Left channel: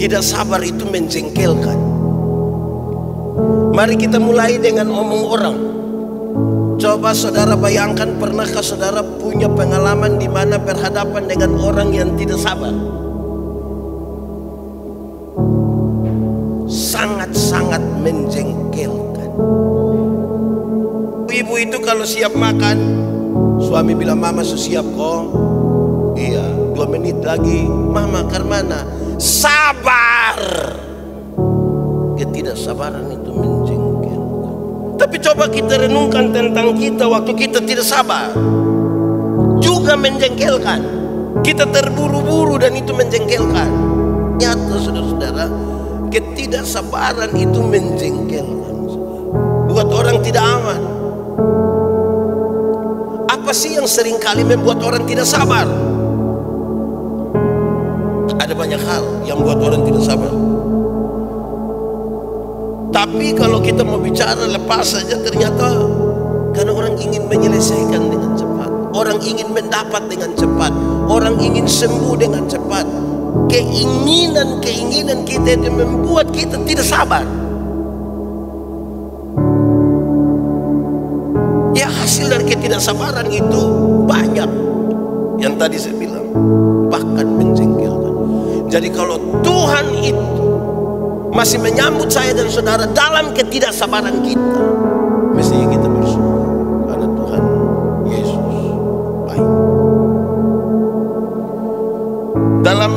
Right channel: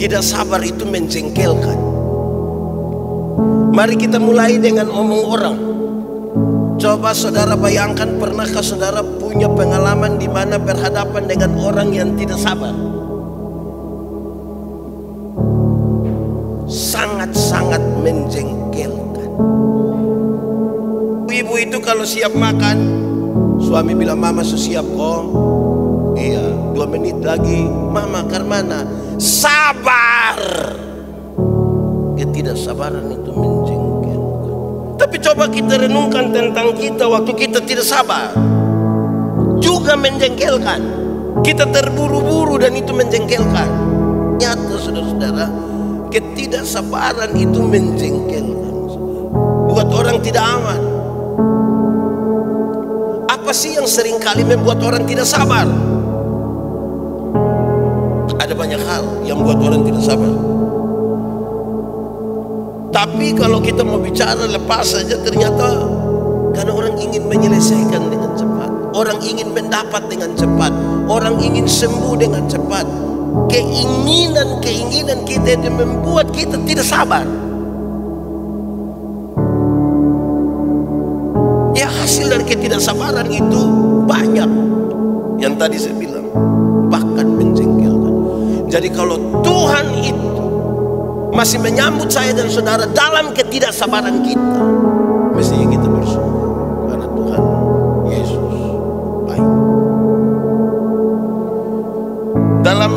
Tidak sabar itu menjengkelkan. Mari kita mulai dengan omong orang. Coba saudara bayangkan, pernahkah saudara punya pengalaman di mana berhadapan dengan orang yang tidak sabar? Sangat-sangat menjengkelkan. Ibu itu kalau siap makan, suami bilang, "Mama sudah siap kok." Iya, 2 menit lagi, "Mama ke mana?" Sabar. Ketidaksabaran itu menjengkelkan. Tapi coba kita renungkan tentang kita waktu kita tidak sabar, juga menjengkelkan. Kita terburu-buru dan itu menjengkelkan. Nyata saudara-saudara, ketidaksabaran itu menjengkelkan. Buat orang tidak aman. Apa sih yang seringkali membuat orang tidak sabar? Ada banyak hal yang membuat orang tidak sabar. Tapi kalau kita mau bicara lepas saja, ternyata karena orang ingin menyelesaikan dengan cepat, orang ingin mendapat dengan cepat, orang ingin sembuh dengan cepat. Keinginan kita itu membuat kita tidak sabar. Ya, hasil dari ketidaksabaran itu banyak. Yang tadi saya bilang, bahkan menjengkelkan. Jadi kalau Tuhan itu masih menyambut saya dan saudara dalam ketidaksabaran kita, mestinya kita bersyukur karena Tuhan Yesus baik. Dalam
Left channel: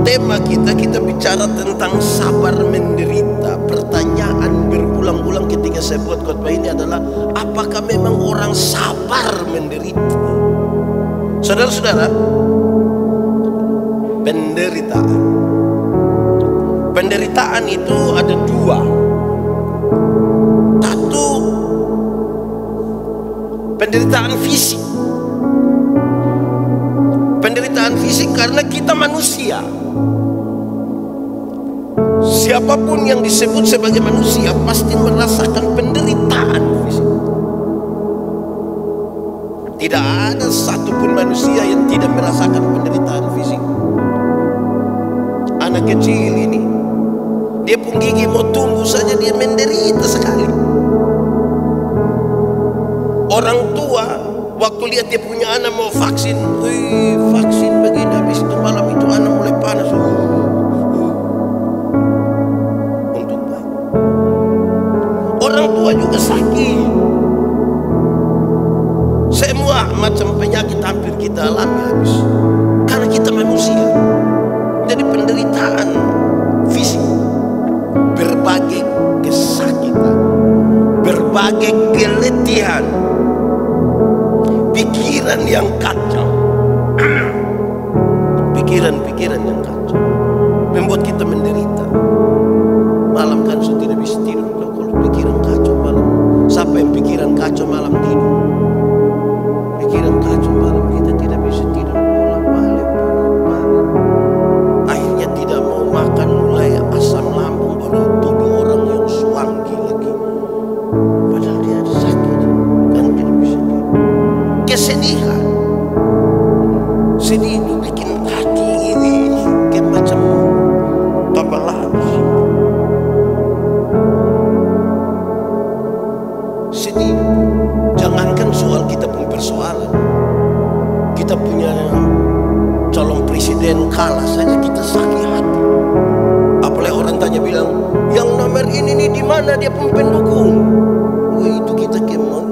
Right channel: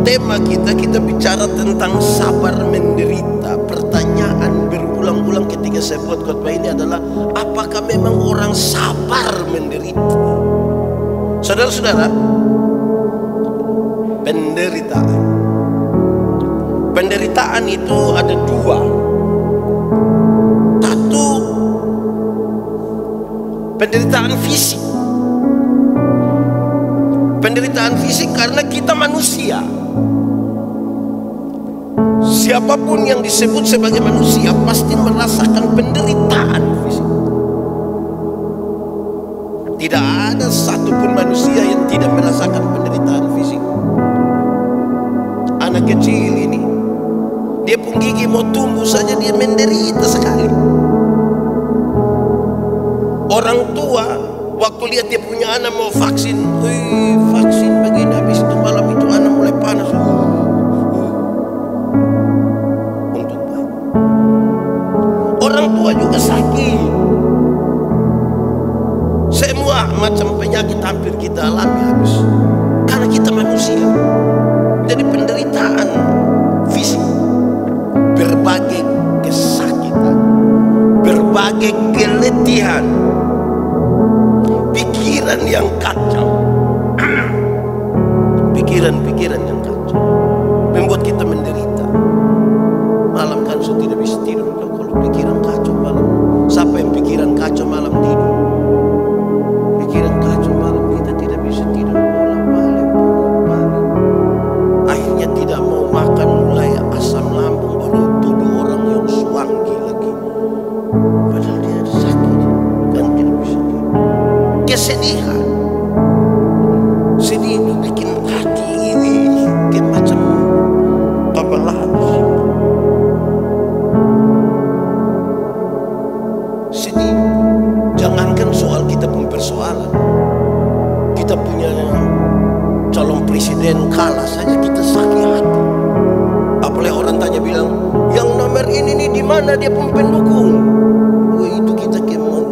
tema kita bicara tentang sabar menderita. Pertanyaan berulang-ulang ketika saya buat khotbah ini adalah, apakah memang orang sabar menderita? Saudara-saudara, penderitaan itu ada 2. Satu, penderitaan fisik. Penderitaan fisik karena kita manusia. Siapapun yang disebut sebagai manusia pasti merasakan penderitaan fisik. Tidak ada satupun manusia yang tidak merasakan penderitaan fisik. Anak kecil ini, dia pun gigi mau tumbuh saja dia menderita sekali. Orang tua waktu lihat dia punya anak mau vaksin, vaksin begini, habis itu malam itu anak mulai panas. Untuk baik. Orang tua juga sakit. Semua macam penyakit hampir kita alami habis. Karena kita manusia. Jadi penderitaan fisik, berbagai kesakitan, berbagai keletihan, pikiran yang kacau, pikiran yang kacau membuat kita menderita. Malam kan sudah tidak bisa tidur kalau pikiran kacau malam. Siapa yang pikiran kacau malam tidur? Pikiran kacau malam kita tidak bisa tidur, bolak-balik. Akhirnya tidak mau makan, mulai asam lambung, baru tuduh orang yang suanggi lagi. Padahal dia ada sakit kan tidak bisa tidur. Kesedihan, sedih itu bikin hati ini kayak macam tabalan. Sedih. Jangankan soal kita pun persoalan. Kita punya calon presiden kalah saja kita sakit hati. Apalagi orang tanya bilang, yang nomor ini nih di mana dia pun pendukung. Itu kita kemon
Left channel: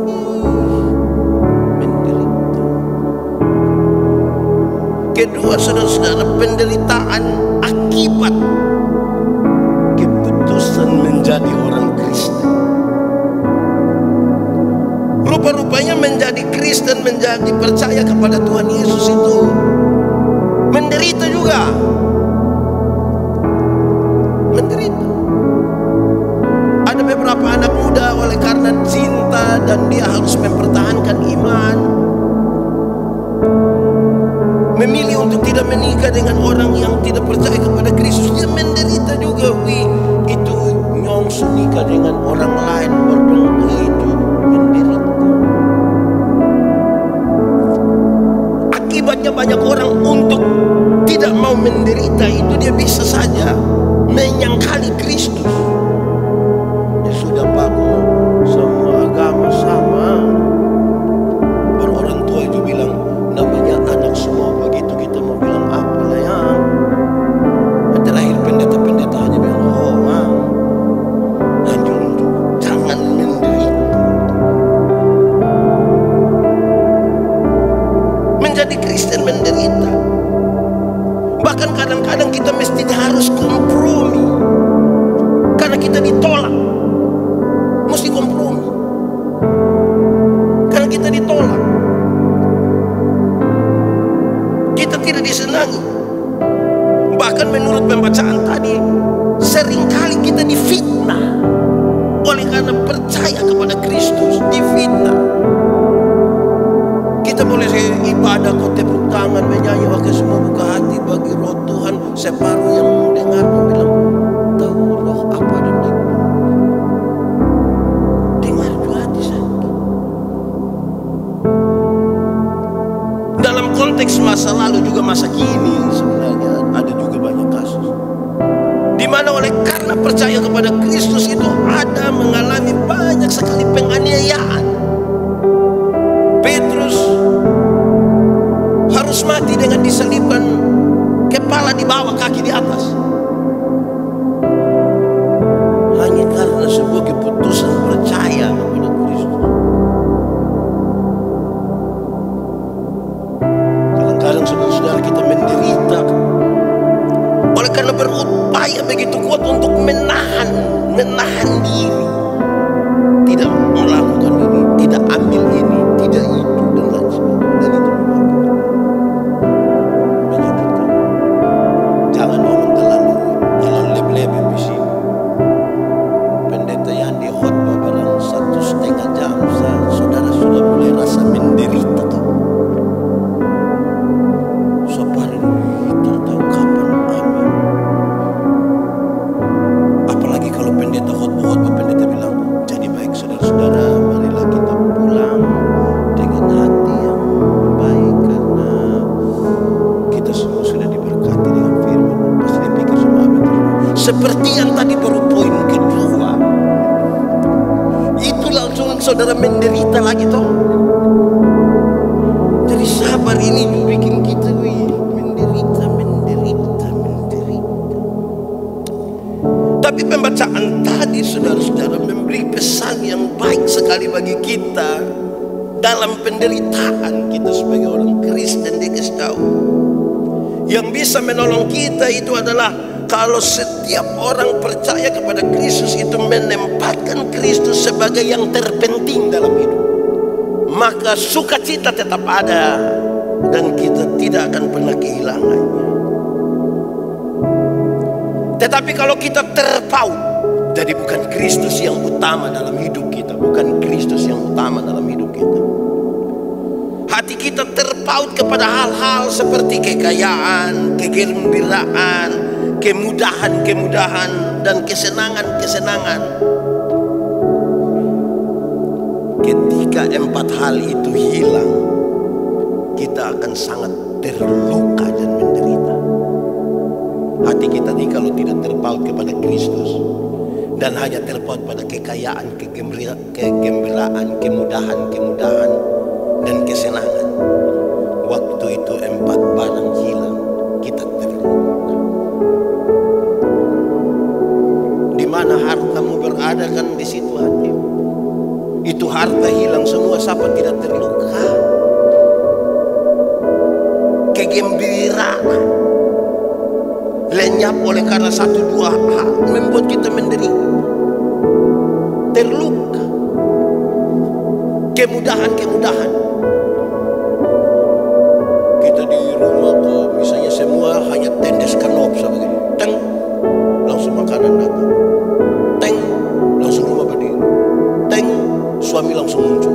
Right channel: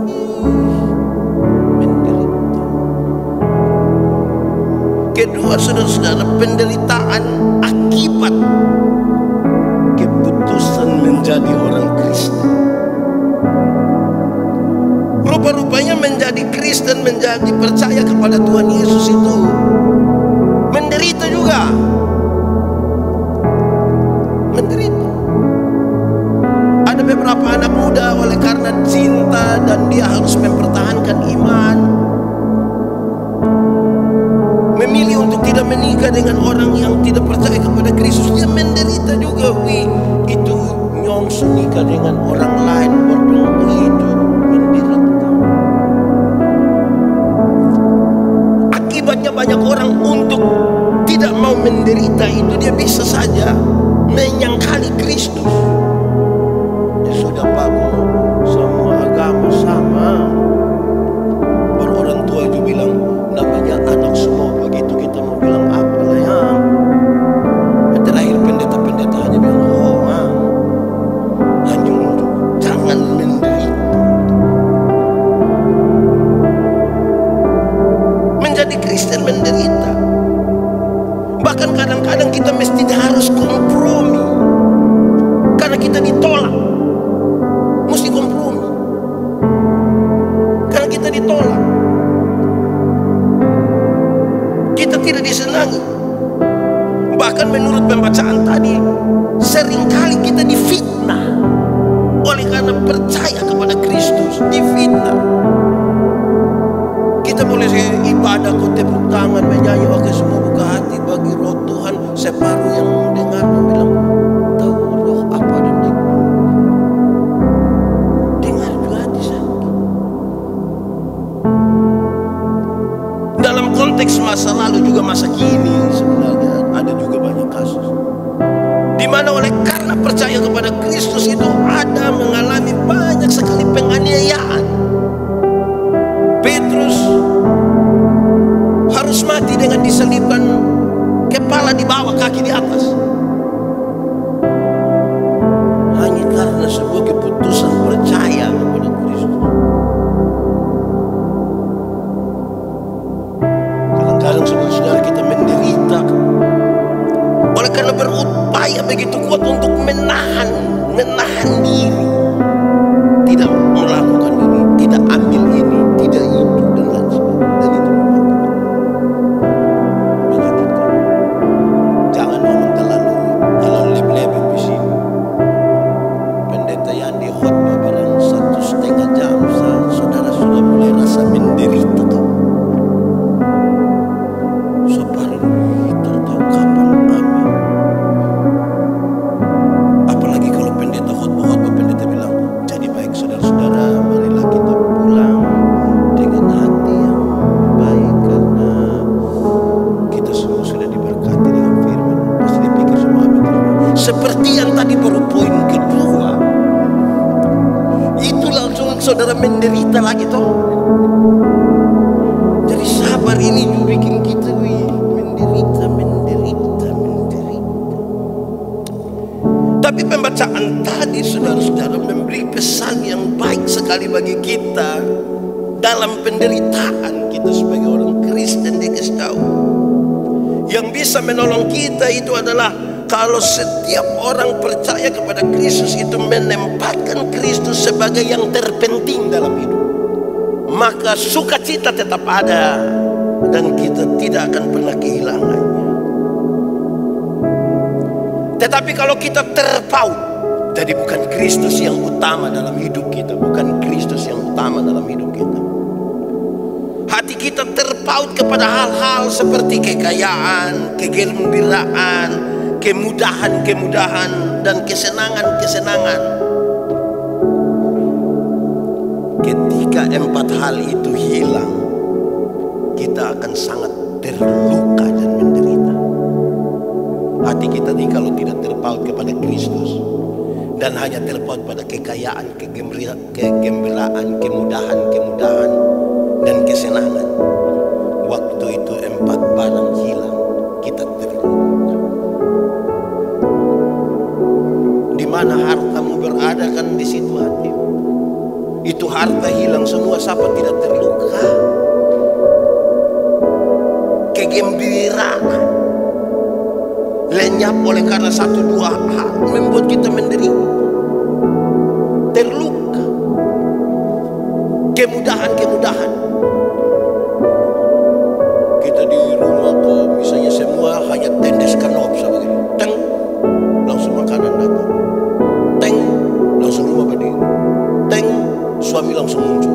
menderita. Kedua, saudara-saudara, penderitaan akibat keputusan menjadi orang Kristen. Rupa-rupanya menjadi Kristen, menjadi percaya kepada Tuhan Yesus itu menderita juga. Menderita. Ada beberapa anak muda oleh karena cinta dan dia harus mempertahankan iman, memilih untuk tidak menikah dengan orang yang tidak percaya kepada Kristus. Dia menderita juga. Itu nyongsu nikah dengan orang lain, itu menderita. Akibatnya banyak orang untuk tidak mau menderita itu dia bisa saja menyangkali Kristus. Ya sudah Pak, semua agama sama. Baru orang tua itu bilang namanya anak semua begitu, kita mau bilang apalah ya. Yang terakhir pendeta-pendeta hanya bilang hanya untuk jangan menderita. Menjadi Kristen menderita. Bahkan kadang-kadang kita mesti harus kompromi karena kita ditolak. Mesti kompromi karena kita ditolak. Kita tidak disenangi. Bahkan menurut pembacaan tadi, seringkali kita difitnah oleh karena percaya kepada Kristus. Difitnah. Kita boleh ibadah, kau tepuk tangan, menyanyi, oke, semua buka hati bagi roh Tuhan. Separuh yang mendengar bilang, tahu roh apa dan dengar juga hati sakit. Dalam konteks masa lalu juga masa kini sebenarnya ada juga banyak kasus di mana oleh karena percaya kepada Kristus itu ada mengalami banyak sekali penganiayaan. Petrus harus mati dengan diselipkan, kepala di bawah, kaki di atas, hanya karena sebuah keputusan percaya kepada Kristus. Kadang-kadang saudara-saudara kita menderita oleh karena berupaya begitu kuat untuk menahan diri, tidak melakukan ini, tidak ambil ini, tidak itu, dan lain sebagainya. Dan itu menyakitkan. Jangan ngomong terlalu leb-leb di sini. Pendeta yang di khotbah barang 1,5 jam, saudara sudah mulai rasa menderita kau. Sopari tak tahu kapan amin. Apalagi kalau pendeta khotbah, pendeta bilang, jadi baik saudara-saudara, marilah kita pulang dengan hati yang baik karena kita semua sudah diberkati dengan firman. Pasti dia pikir semua amin. Seperti yang tadi baru poin kedua, itu langsung saudara menderita lagi toh. Jadi sabar ini juga bikin kita menderita. Tapi pembacaan tadi saudara-saudara memberi pesan yang baik sekali bagi kita dalam penderitaan kita sebagai orang Kristen. Dia kasih tahu yang bisa menolong kita itu adalah kalau setiap orang percaya kepada Kristus itu menempatkan Kristus sebagai yang terpenting dalam hidup, maka sukacita tetap ada dan kita tidak akan pernah kehilangannya. Tetapi kalau kita terpaut, jadi bukan Kristus yang utama dalam hidup kita, bukan Kristus yang utama dalam hidup kita. Hati kita terpaut kepada hal-hal seperti kekayaan, kegembiraan, kemudahan-kemudahan, dan kesenangan-kesenangan. Ketika 4 hal itu hilang, kita akan sangat terluka dan menderita. Hati kita ini kalau tidak terpaut kepada Kristus dan hanya terpaut pada kekayaan, kegembiraan, kemudahan, dan kesenangan, waktu itu 4 barang hilang, kita terluka. Di mana hartamu berada kan di situ hatimu. Itu harta hilang semua, siapa tidak terluka? Kegembiraan lenyap oleh karena 1-2 hal membuat kita menderita, terluka. Kemudahan, kita di rumah kok misalnya semua hanya tendes kanop seperti itu, teng langsung makanan datang, teng langsung rumah berdiri, teng suami langsung muncul.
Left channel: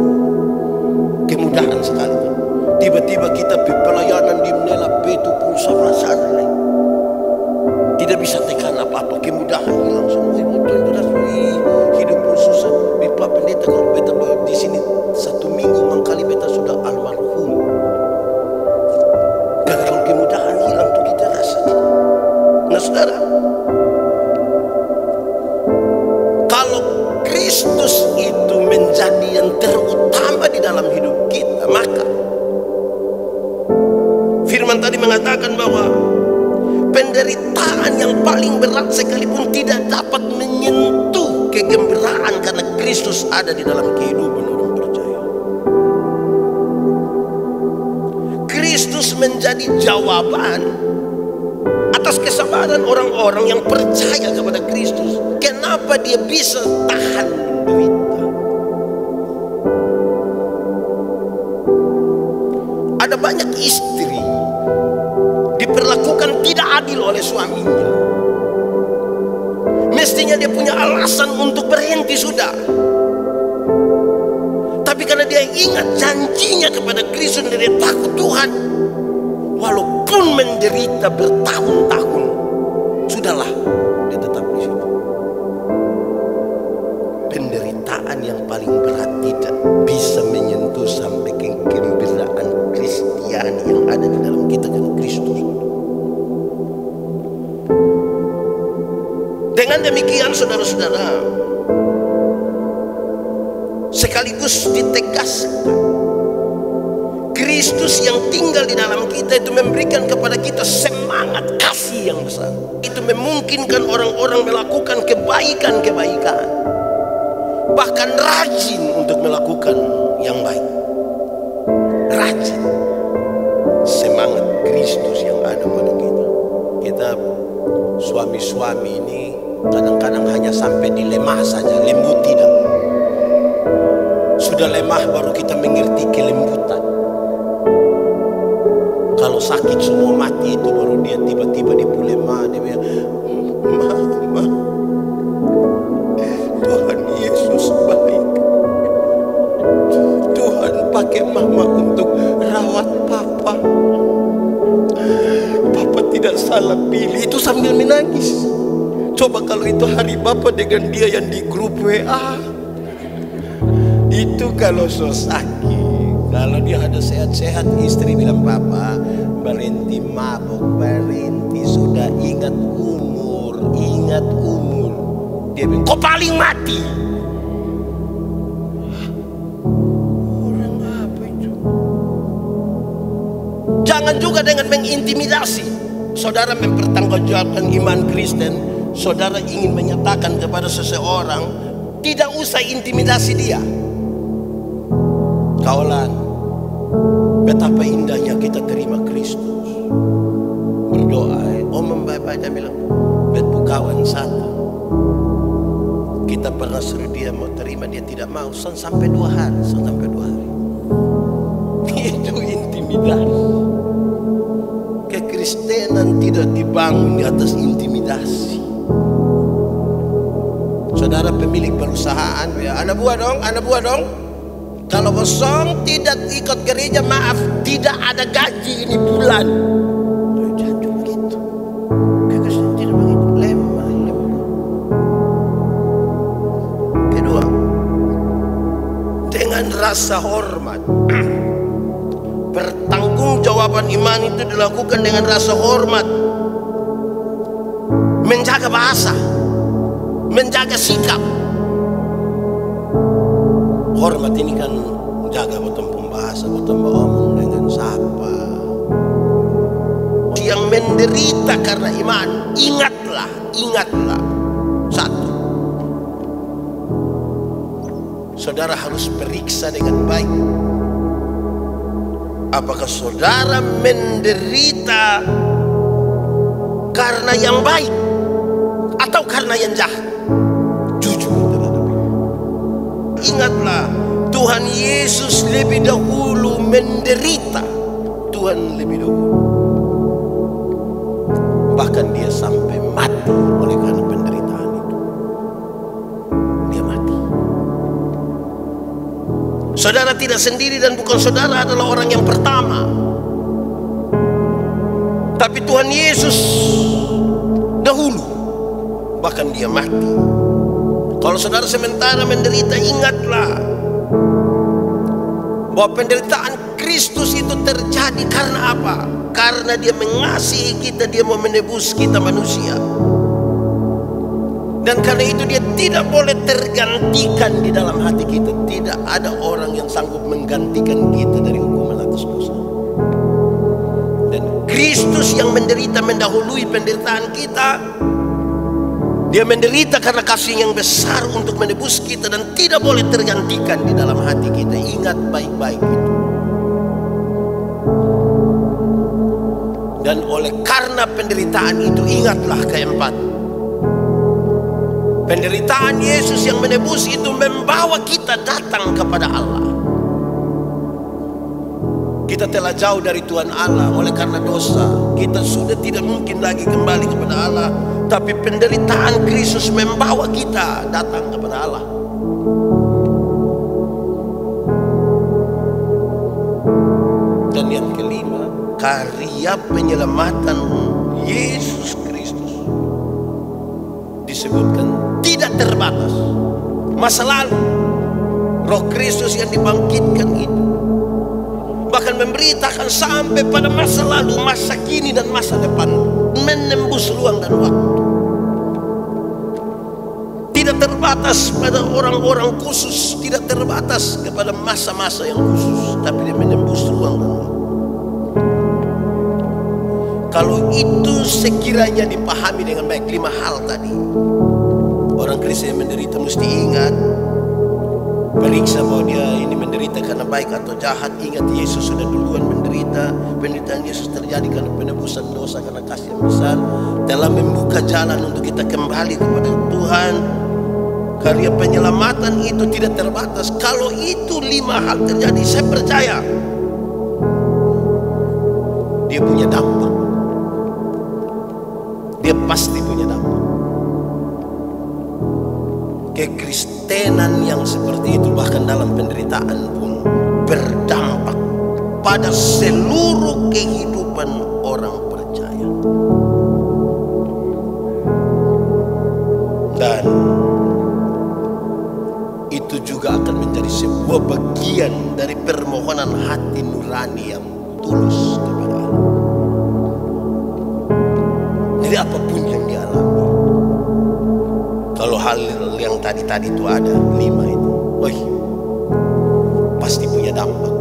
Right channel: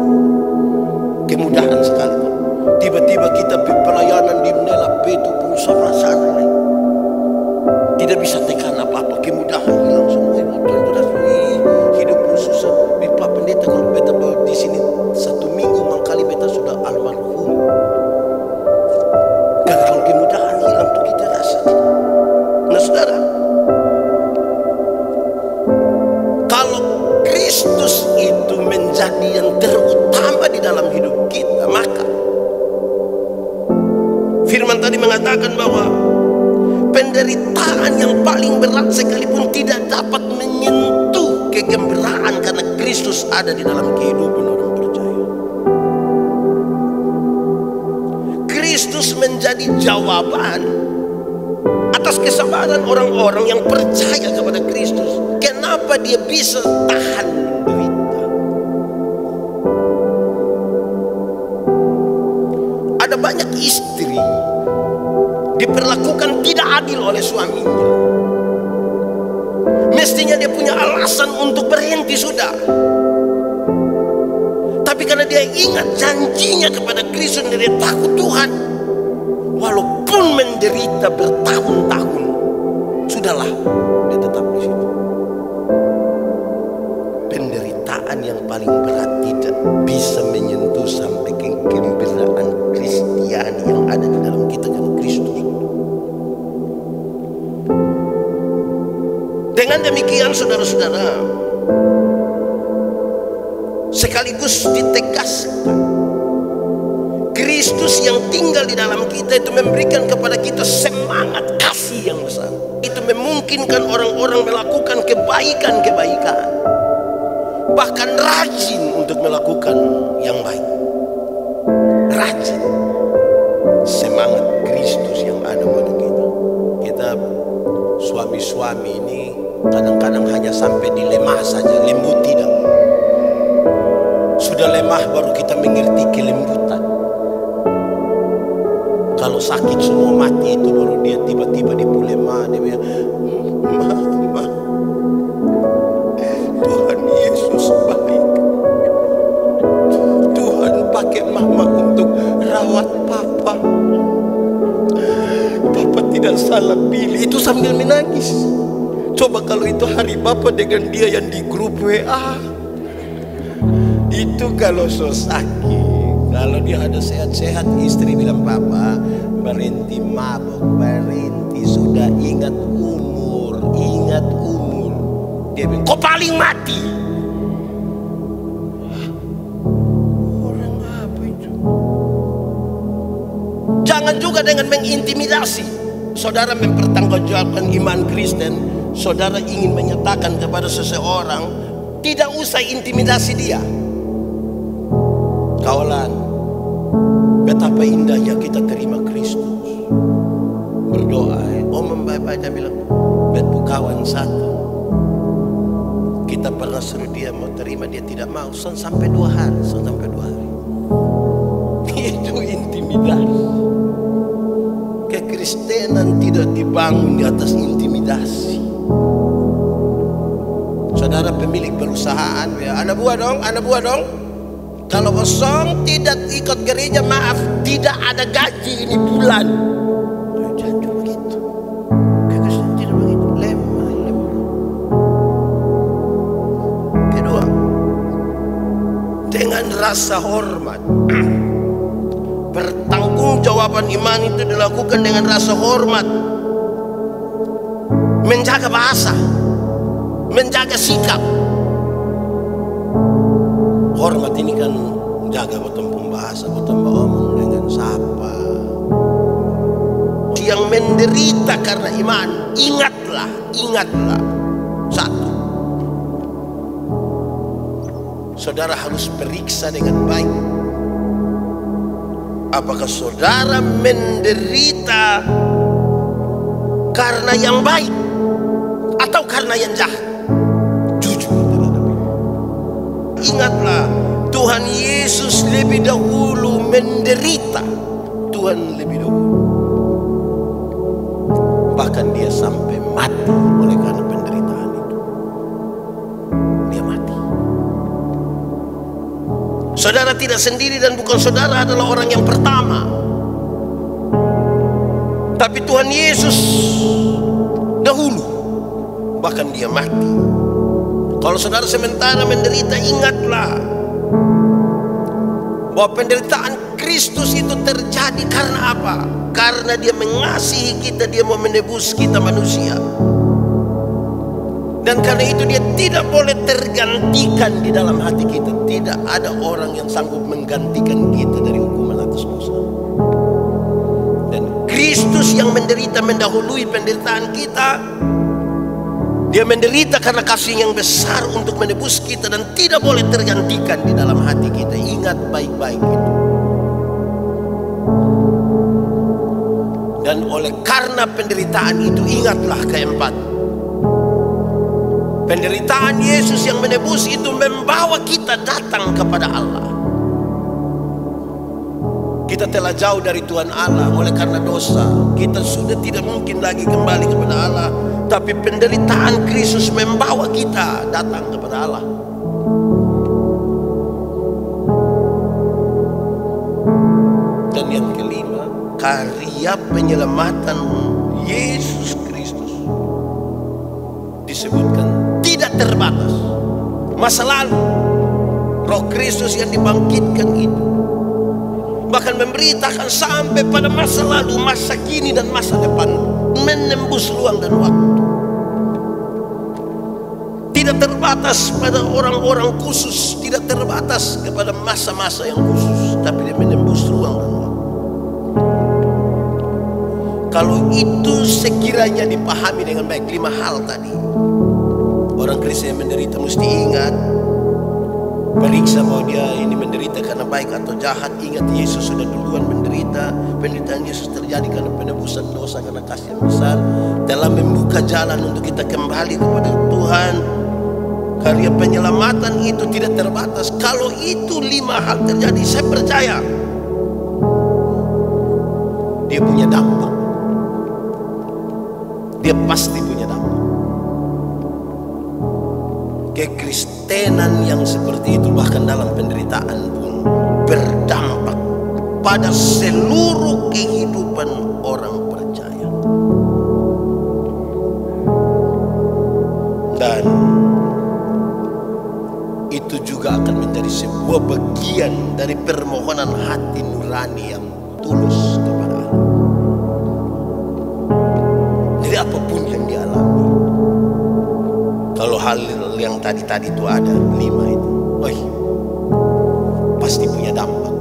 Kemudahan sekali tuh. Tiba-tiba kita pelayanan di menela itu pulsa sana lain. Tidak bisa tekan apa-apa, kemudahan hilang semua. Hidup pun susah. Pak pendeta kalau beta di sini 1 minggu mangkali beta sudah almarhum. Karena kalau kemudahan hilang tuh kita rasa menjadi yang terutama di dalam hidup kita. Maka firman tadi mengatakan bahwa penderitaan yang paling berat sekalipun tidak dapat menyentuh kegembiraan karena Kristus ada di dalam kehidupan orang percaya. Kristus menjadi jawaban atas kesabaran orang-orang yang percaya kepada Kristus. Kenapa dia bisa tahan menderita? Ada banyak istri diperlakukan tidak adil oleh suaminya. Mestinya dia punya alasan untuk berhenti sudah. Tapi karena dia ingat janjinya kepada Kristus dan dia takut Tuhan, walaupun menderita bertahun-tahun, sudahlah, dia tetap di situ. Penderitaan yang paling berat tidak bisa menyentuh sampai kegembiraan Kristiani yang ada di dalam kita kan Kristus. Dengan demikian saudara-saudara, sekaligus ditegaskan Kristus yang tinggal di dalam kita itu memberikan kepada kita semangat kasih yang besar. Itu memungkinkan orang-orang melakukan kebaikan-kebaikan, bahkan rajin untuk melakukan yang baik. Rajin. Semangat Kristus yang ada pada kita. Kita suami-suami ini kadang-kadang hanya sampai di lemah saja, lembut tidak. Sudah lemah baru kita mengerti kelembutan. Kalau sakit semua mati itu baru dia tiba-tiba di lemah, dia bilang, "Mama, Tuhan Yesus baik. Tuhan pakai mama untuk rawat papa. Papa tidak salah pilih." Itu sambil menangis. Coba kalau itu hari Bapak dengan dia yang di grup WA, itu kalau so sakit. Kalau dia ada sehat-sehat, istri bilang, "Papa, berhenti mabuk, berhenti, sudah ingat umur, ingat umur." Dia bilang, "Kau paling mati." Orang apa itu? Jangan juga dengan mengintimidasi. Saudara mempertanggungjawabkan iman Kristen, saudara ingin menyatakan kepada seseorang, tidak usah intimidasi dia. Kawalan, betapa indahnya kita terima Kristus. Berdoa, membaca bilang, "Bet kawan satu, kita pernah suruh dia mau terima, dia tidak mau, sampai 2 hari, sampai 2 hari." Itu intimidasi. Kekristenan tidak dibangun di atas intimidasi. Saudara pemilik perusahaan, anak buah dong. Kalau kosong tidak ikut gereja, maaf, tidak ada gaji ini bulan. Jangan cuma begitu. Kekristenan tidak begitu, lemah. Kedua, dengan rasa hormat. Pertanggungjawaban iman itu dilakukan dengan rasa hormat, menjaga bahasa, menjaga sikap. Hormat ini kan jaga potong pembahasa, potong omong dengan sapa. Yang menderita karena iman, ingatlah. Satu, saudara harus periksa dengan baik. Apakah saudara menderita karena yang baik atau karena yang jahat? Jujur terhadap itu. Ingatlah, Tuhan Yesus lebih dahulu menderita. Tuhan lebih dahulu. Bahkan dia sampai mati oleh karena penderitaan itu. Dia mati. Saudara tidak sendiri dan bukan saudara adalah orang yang pertama. Tapi Tuhan Yesus dahulu. Bahkan dia mati. Kalau saudara sementara menderita, ingatlah bahwa penderitaan Kristus itu terjadi karena apa? Karena dia mengasihi kita, dia mau menebus kita manusia. Dan Dan karena itu dia tidak boleh tergantikan di dalam hati kita. Tidak ada orang yang sanggup menggantikan kita dari hukuman atas dosa. Dan Kristus yang menderita mendahului penderitaan kita. Dia menderita karena kasih yang besar untuk menebus kita dan tidak boleh tergantikan di dalam hati kita. Ingat baik-baik itu. Dan oleh karena penderitaan itu, ingatlah keempat. Penderitaan Yesus yang menebus itu membawa kita datang kepada Allah. Kita telah jauh dari Tuhan Allah oleh karena dosa. Kita sudah tidak mungkin lagi kembali kepada Allah. Tapi penderitaan Kristus membawa kita datang kepada Allah. Dan yang kelima, karya penyelamatan Yesus Kristus disebutkan tidak terbatas. Masa lalu, Roh Kristus yang dibangkitkan itu bahkan memberitakan sampai pada masa lalu, masa kini dan masa depan, menembus ruang dan waktu. Tidak terbatas pada orang-orang khusus, tidak terbatas kepada masa-masa yang khusus, tapi dia menembus ruang dan waktu. Kalau itu sekiranya dipahami dengan baik, 5 hal tadi, orang Kristen yang menderita mesti ingat, periksa bahwa dia ini menderita karena baik atau jahat. Ingat, Yesus sudah duluan menderita. Penderitaan Yesus terjadi karena penebusan dosa, karena kasih yang besar, dalam membuka jalan untuk kita kembali kepada Tuhan. Karya penyelamatan itu tidak terbatas. Kalau itu 5 hal terjadi, saya percaya dia punya dampak. Dia pasti punya dampak. Kekristenan yang seperti itu bahkan dalam penderitaan pun berdampak pada seluruh kehidupan orang percaya. Dan itu juga akan menjadi sebuah bagian dari permohonan hati nurani yang tulus kepada Allah. Jadi apapun yang dialami, kalau hal yang tadi itu ada 5 itu, pasti punya dampak.